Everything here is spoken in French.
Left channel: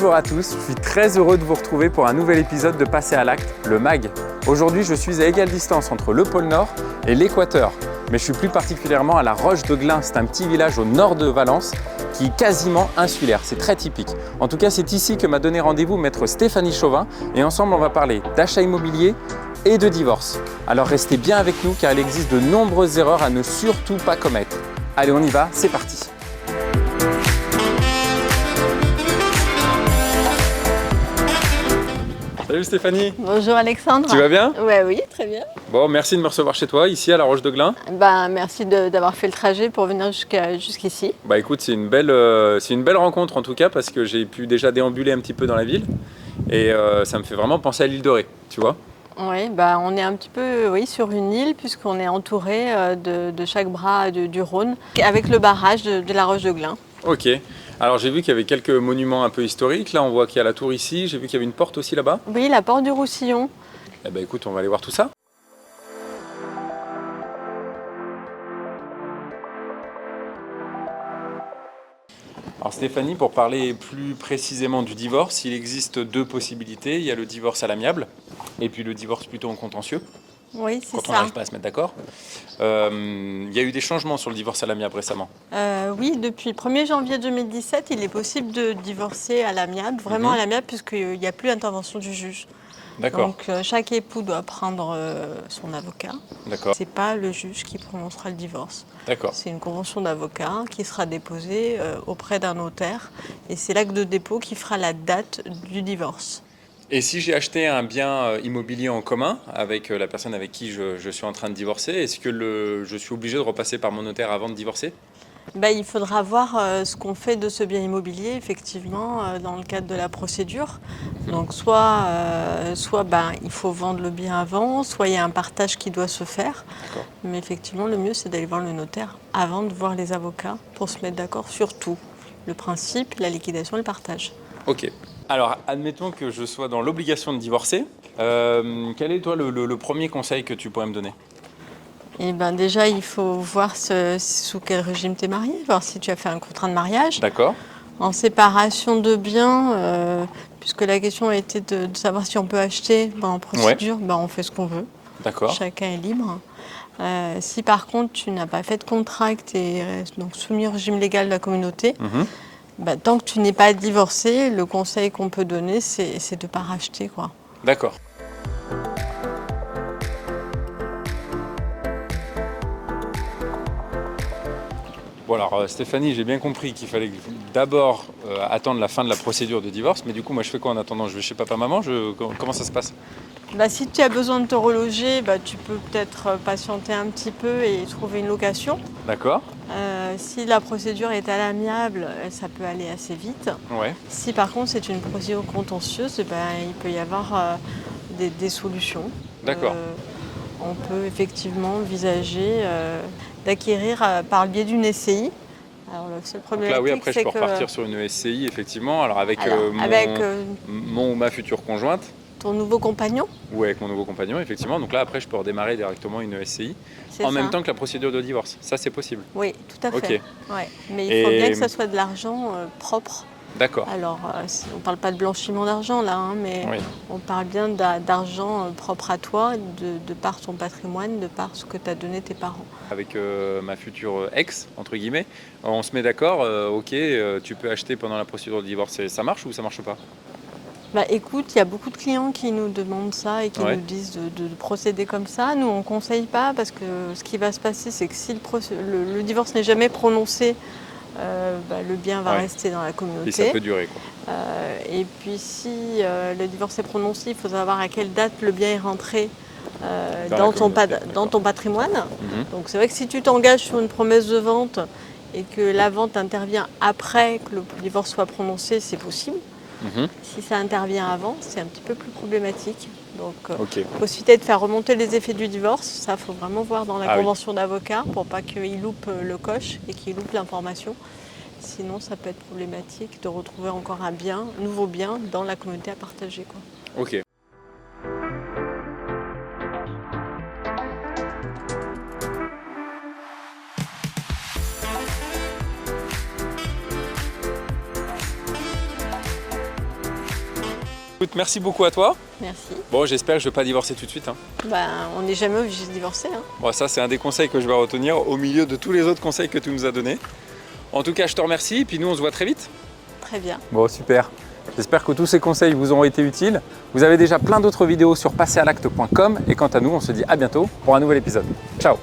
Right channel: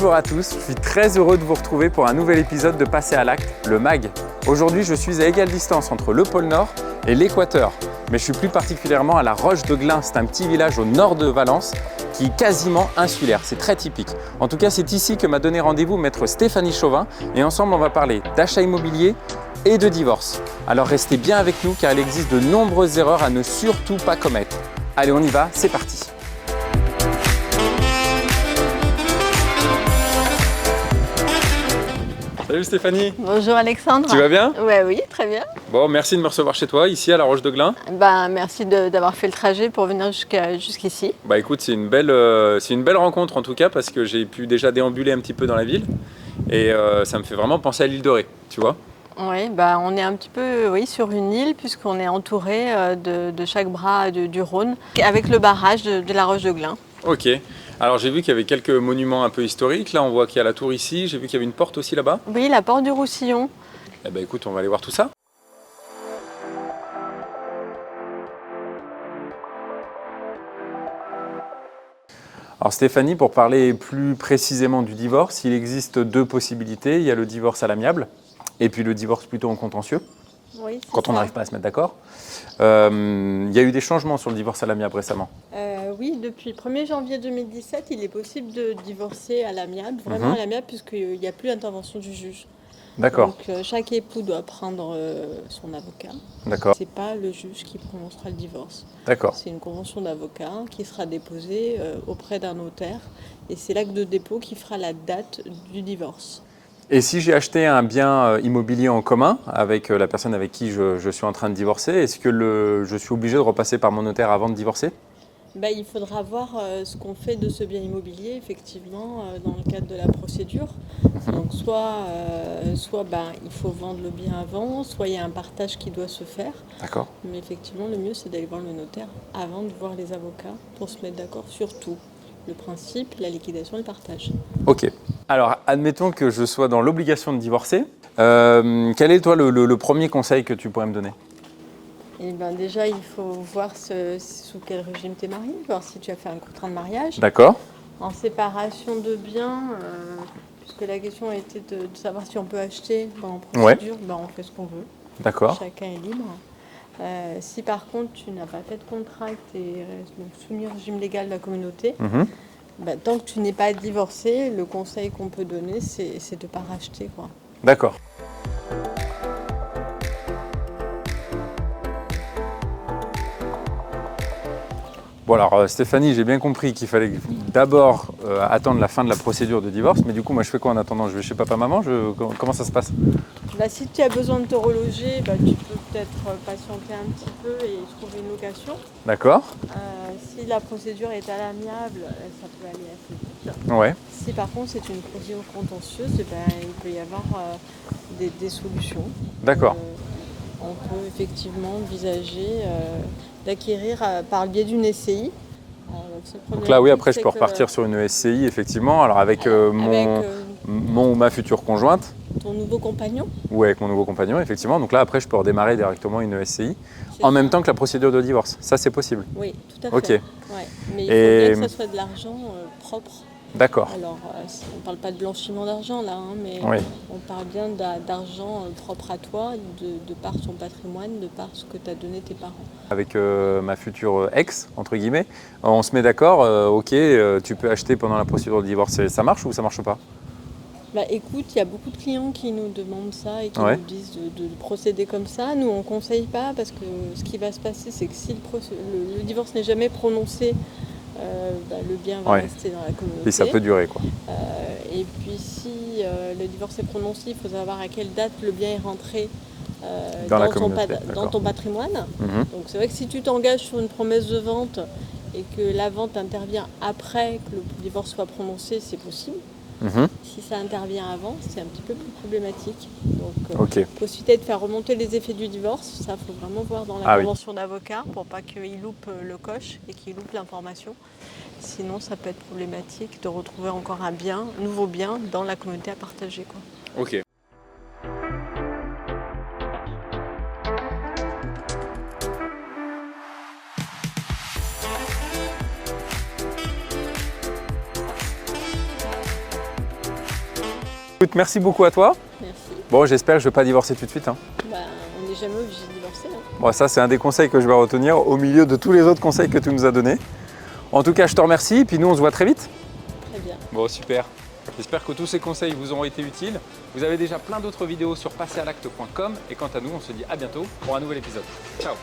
Bonjour à tous, je suis très heureux de vous retrouver pour un nouvel épisode de Passer à l'acte, le MAG. Aujourd'hui, je suis à égale distance entre le pôle Nord et l'Équateur, mais je suis plus particulièrement à la Roche de Glin. C'est un petit village au nord de Valence qui est quasiment insulaire, c'est très typique. En tout cas, c'est ici que m'a donné rendez-vous maître Stéphanie Chauvin et ensemble, on va parler d'achat immobilier et de divorce. Alors restez bien avec nous car il existe de nombreuses erreurs à ne surtout pas commettre. Allez, on y va, c'est parti. Salut Stéphanie. Bonjour Alexandre. Tu vas bien? Ouais, oui, très bien. Bon, merci de me recevoir chez toi, ici à la Roche de Glin. Merci d'avoir fait le trajet pour venir jusqu'ici. Bah écoute, c'est une belle rencontre en tout cas parce que j'ai pu déjà déambuler un petit peu dans la ville et ça me fait vraiment penser à l'île de Ré, tu vois. Oui, on est un petit peu sur une île puisqu'on est entouré de chaque bras du Rhône avec le barrage de la Roche de Glin. Ok. Alors j'ai vu qu'il y avait quelques monuments un peu historiques. Là, on voit qu'il y a la tour ici. J'ai vu qu'il y avait une porte aussi là-bas. Oui, la porte du Roussillon. Eh ben écoute, on va aller voir tout ça. Alors Stéphanie, pour parler plus précisément du divorce, il existe deux possibilités. Il y a le divorce à l'amiable et puis le divorce plutôt en contentieux. Oui, c'est ça. Quand on n'arrive pas à se mettre d'accord. Il y a eu des changements sur le divorce à l'amiable récemment. Oui, depuis le 1er janvier 2017, il est possible de divorcer à l'amiable, vraiment à l'amiable, puisqu'il n'y a plus d'intervention du juge. D'accord. Donc chaque époux doit prendre son avocat. D'accord. Ce n'est pas le juge qui prononcera le divorce. D'accord. C'est une convention d'avocat qui sera déposée auprès d'un notaire. Et c'est l'acte de dépôt qui fera la date du divorce. Et si j'ai acheté un bien immobilier en commun avec la personne avec qui je suis en train de divorcer, est-ce que je suis obligé de repasser par mon notaire avant de divorcer ? Il faudra voir ce qu'on fait de ce bien immobilier, effectivement, dans le cadre de la procédure. Donc soit il faut vendre le bien avant, soit il y a un partage qui doit se faire. D'accord. Mais effectivement, le mieux, c'est d'aller voir le notaire avant de voir les avocats pour se mettre d'accord sur tout. Le principe, la liquidation et le partage. Ok. Alors, admettons que je sois dans l'obligation de divorcer. Quel est, toi, le premier conseil que tu pourrais me donner ? Déjà, il faut voir sous quel régime tu es marié, voir si tu as fait un contrat de mariage. D'accord. En séparation de biens, puisque la question a été de savoir si on peut acheter en procédure, on fait ce qu'on veut. D'accord. Chacun est libre. Si par contre tu n'as pas fait de contrat, que tu es donc soumis au régime légal de la communauté, tant que tu n'es pas divorcé, le conseil qu'on peut donner, c'est de ne pas racheter, quoi. D'accord. Bon alors Stéphanie, j'ai bien compris qu'il fallait d'abord attendre la fin de la procédure de divorce, mais du coup moi je fais quoi en attendant? Je vais chez papa-maman? Comment ça se passe? Si tu as besoin de te reloger, tu peux peut-être patienter un petit peu et trouver une location. D'accord. Si la procédure est à l'amiable, ça peut aller assez vite. Ouais. Si par contre c'est une procédure contentieuse, il peut y avoir des solutions. D'accord. On peut effectivement envisager d'acquérir par le biais d'une SCI. Alors, donc là, oui, après, je peux repartir sur une SCI, effectivement, alors avec mon ou ma future conjointe. Ton nouveau compagnon? Oui, avec mon nouveau compagnon, effectivement. Donc là, après, je peux redémarrer directement une SCI en même temps que la procédure de divorce. Ça, c'est possible? Oui, tout à fait. Ok. Ouais. Mais il faut bien que ça soit de l'argent propre. D'accord. Alors, on ne parle pas de blanchiment d'argent là, mais on parle bien d'argent propre à toi, de par ton patrimoine, de par ce que t'as donné tes parents. Avec ma future ex, entre guillemets, on se met d'accord, ok, tu peux acheter pendant la procédure de divorce, ça marche ou ça marche pas? Écoute, il y a beaucoup de clients qui nous demandent ça et qui nous disent de procéder comme ça. Nous, on ne conseille pas parce que ce qui va se passer, c'est que si le divorce n'est jamais prononcé, le bien va rester dans la communauté. Et ça peut durer, quoi. Et puis si le divorce est prononcé, il faut savoir à quelle date le bien est rentré dans ton patrimoine. Donc c'est vrai que si tu t'engages sur une promesse de vente et que la vente intervient après que le divorce soit prononcé, c'est possible. Si ça intervient avant, c'est un petit peu plus problématique. Donc, possibilité de faire remonter les effets du divorce, ça, il faut vraiment voir dans la convention d'avocat pour pas qu'il loupe le coche et qu'il loupe l'information. Sinon, ça peut être problématique de retrouver encore un nouveau bien dans la communauté à partager, quoi. Ok. Écoute, merci beaucoup à toi. Merci. Bon, j'espère que je ne vais pas divorcer tout de suite. On n'est jamais obligé de divorcer. Bon, ça, c'est un des conseils que je vais retenir au milieu de tous les autres conseils que tu nous as donnés. En tout cas, je te remercie et puis nous, on se voit très vite. Très bien. Bon, super. J'espère que tous ces conseils vous auront été utiles. Vous avez déjà plein d'autres vidéos sur passeralacte.com et quant à nous, on se dit à bientôt pour un nouvel épisode. Ciao!